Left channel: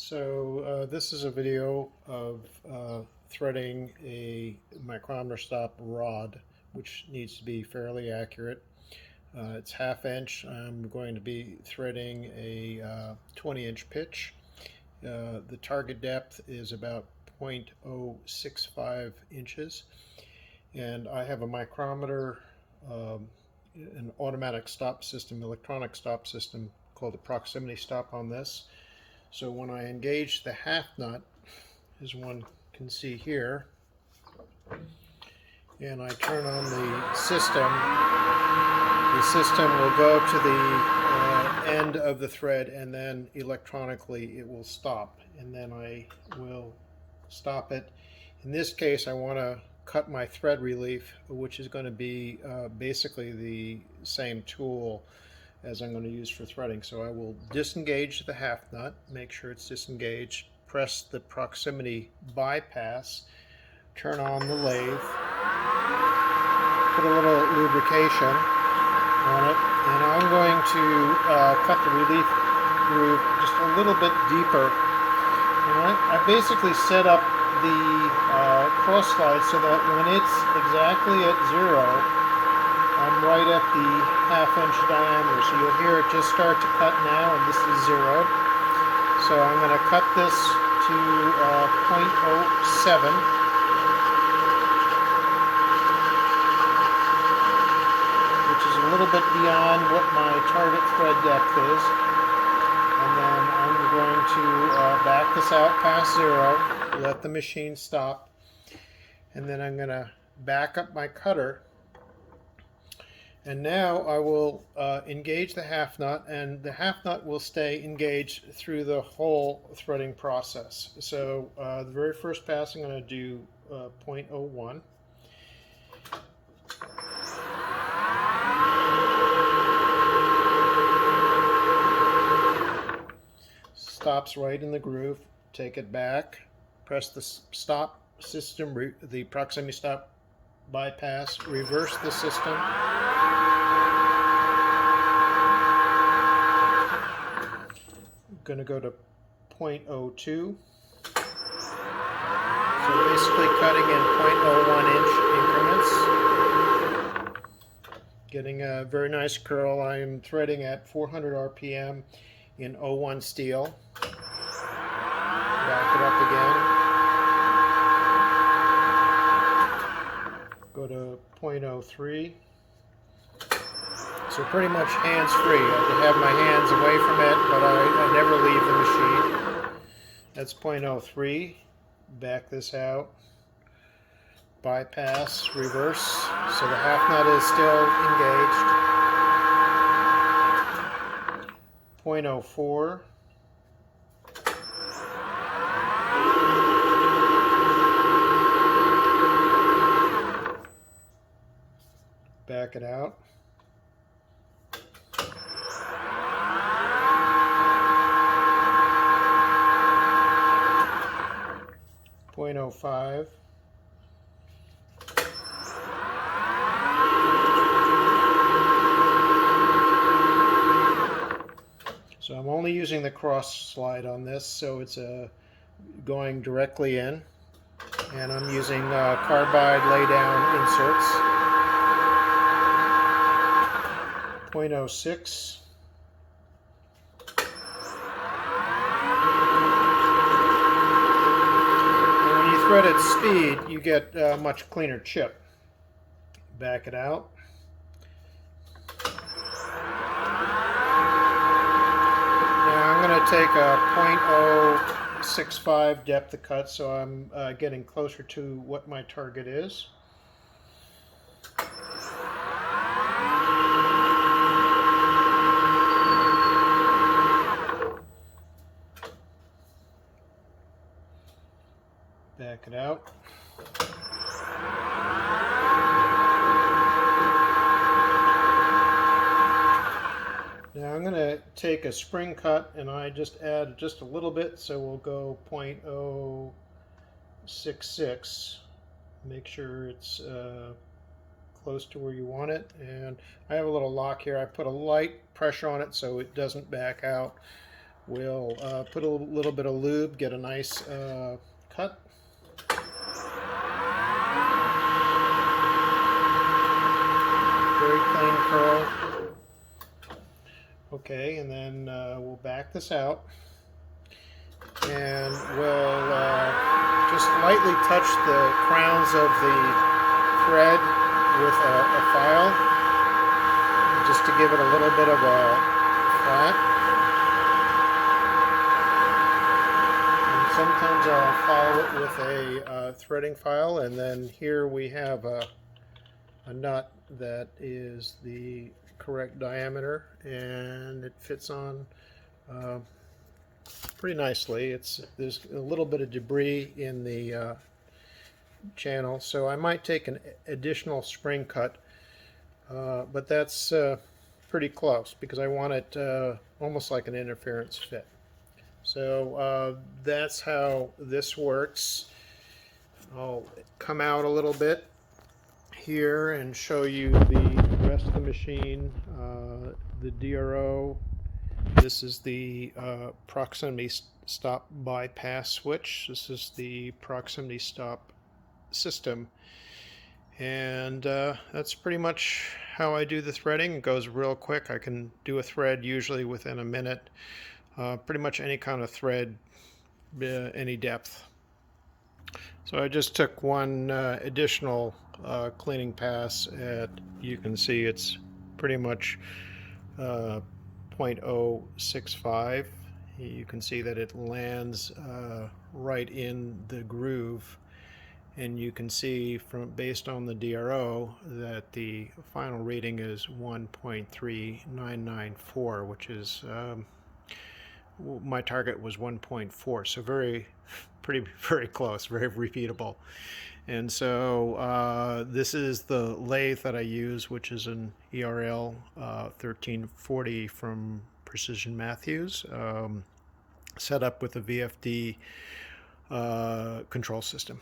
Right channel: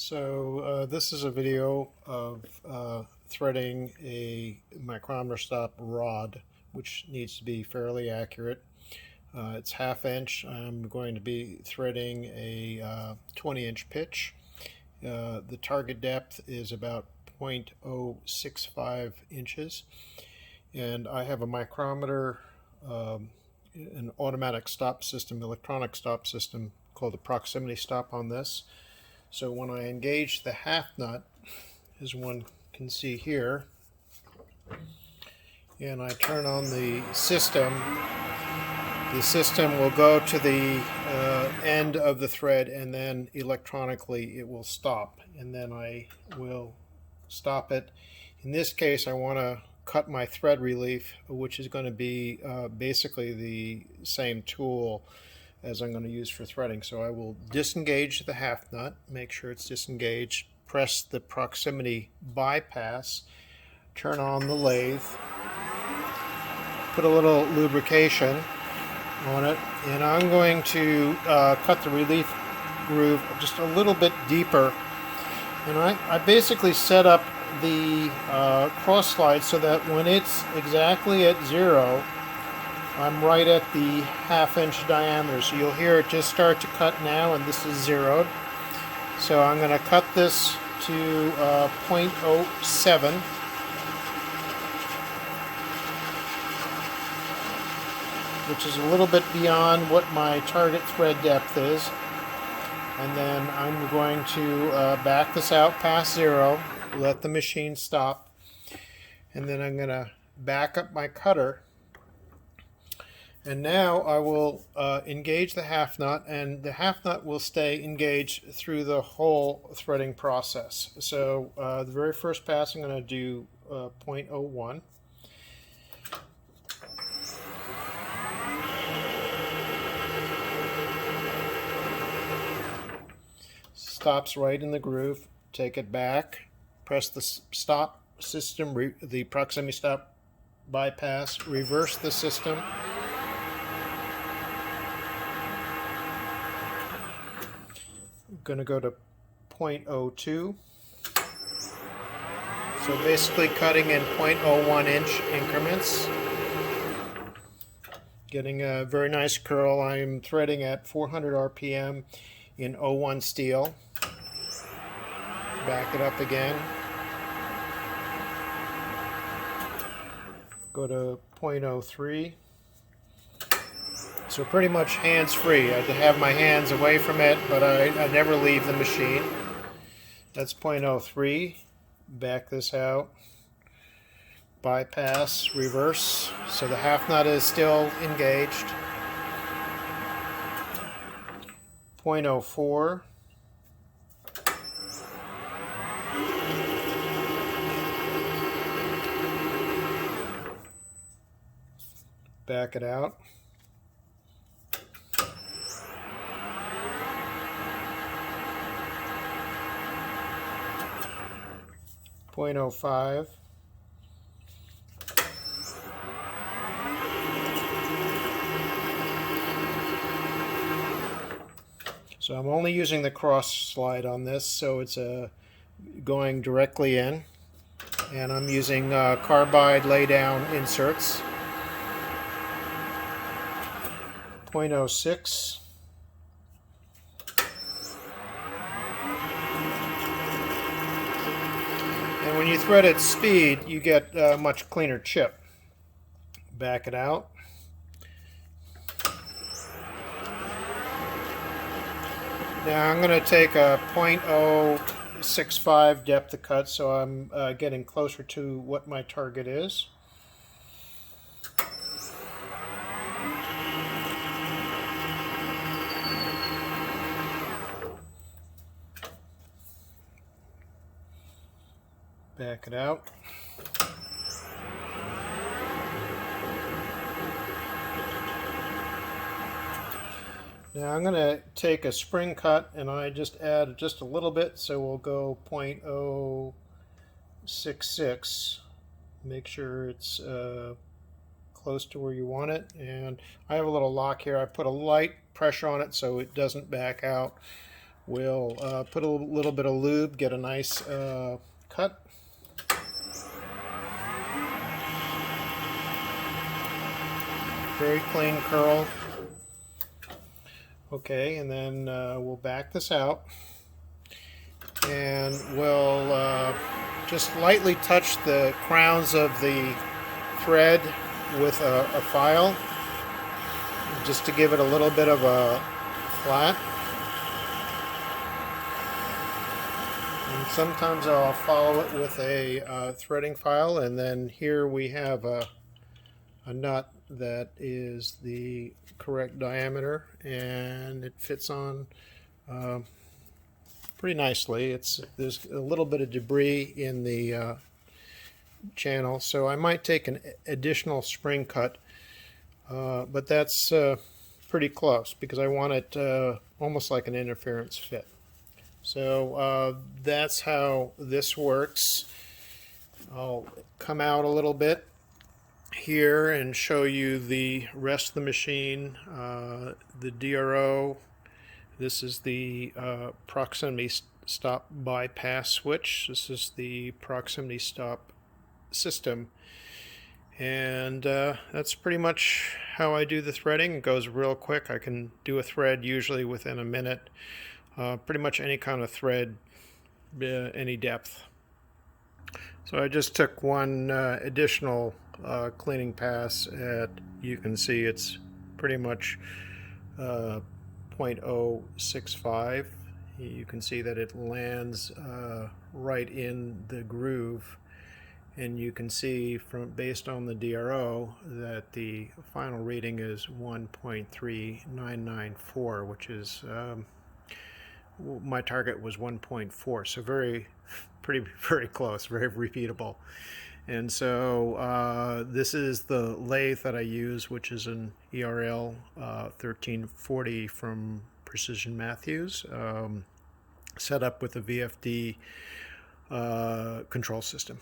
This is a video of threading a micrometer stop rod, which needs to be fairly accurate. It's 1/2 inch. I'm going to be threading a 20-inch pitch. The target depth is about 0.065 inches, and I have a micrometer, an automatic stop system, electronic stop system called a proximity stop on this. So when I engage the half nut, as one can see here, and I turn on the system will go to the end of the thread, and then electronically it will stop, and then I will stop it. In this case, I want to cut my thread relief, which is going to be basically the same tool as I'm going to use for threading. So I will disengage the half nut, make sure it's disengaged, press the proximity bypass, turn on the lathe, put a little lubrication on it, and I'm going to cut the relief groove just a little bit deeper. And I basically set up the cross slide so that when it's exactly at 0, I'm right at the 1/2 inch diameter. So you'll hear it just start to cut now, and this is 0'd. So I'm going to cut this to 0.07. which is a little bit beyond what my target thread depth is. And then I'm going to back this out past 0, let the machine stop, and then I'm going to back up my cutter. And now I will engage the half nut, and the half nut will stay engaged through the whole threading process. So the very first pass I'm going to do 0.01. Stops right in the groove. Take it back, press the stop system, the proximity stop bypass, reverse the system. Going to go to 0.02. So basically cutting in 0.01 inch increments. Getting a very nice curl. I'm threading at 400 RPM in 01 steel. Back it up again. Go to 0.03. So pretty much hands-free. I have to have my hands away from it, but I never leave the machine. That's 0.03. Back this out. Bypass, reverse. So the half nut is still engaged. 0.04. Back it out. .05. So I'm only using the cross slide on this, so it's going directly in, and I'm using carbide lay-down inserts. 0.06. When you thread at speed, you get a much cleaner chip. Back it out. Now I'm going to take a 0.065 depth of cut, so I'm getting closer to what my target is. Back it out. Now I'm going to take a spring cut, and I just add just a little bit, so we'll go 0.066. Make sure it's close to where you want it. And I have a little lock here. I put a light pressure on it so it doesn't back out We'll put a little bit of lube, get a nice cut. Very clean curl. Okay, and then we'll back this out, and we'll just lightly touch the crowns of the thread with a file, just to give it a little bit of a flat. And sometimes I'll follow it with a threading file, and then here we have a nut that is the correct diameter, and it fits on pretty nicely. There's a little bit of debris in the channel, so I might take an additional spring cut, but that's pretty close because I want it almost like an interference fit. So that's how this works. I'll come out a little bit here and show you the rest of the machine. The DRO, this is the proximity stop bypass switch. This is the proximity stop system, and that's pretty much how I do the threading. It goes real quick. I can do a thread usually within a minute. Pretty much any kind of thread, any depth. So I just took one additional cleaning pass at, you can see it's pretty much 0.065. You can see that it lands right in the groove, and you can see based on the DRO that the final reading is 1.3994, which is my target was 1.4, so very close, very repeatable. And so this is the lathe that I use, which is an ERL 1340 from Precision Matthews, set up with a VFD control system.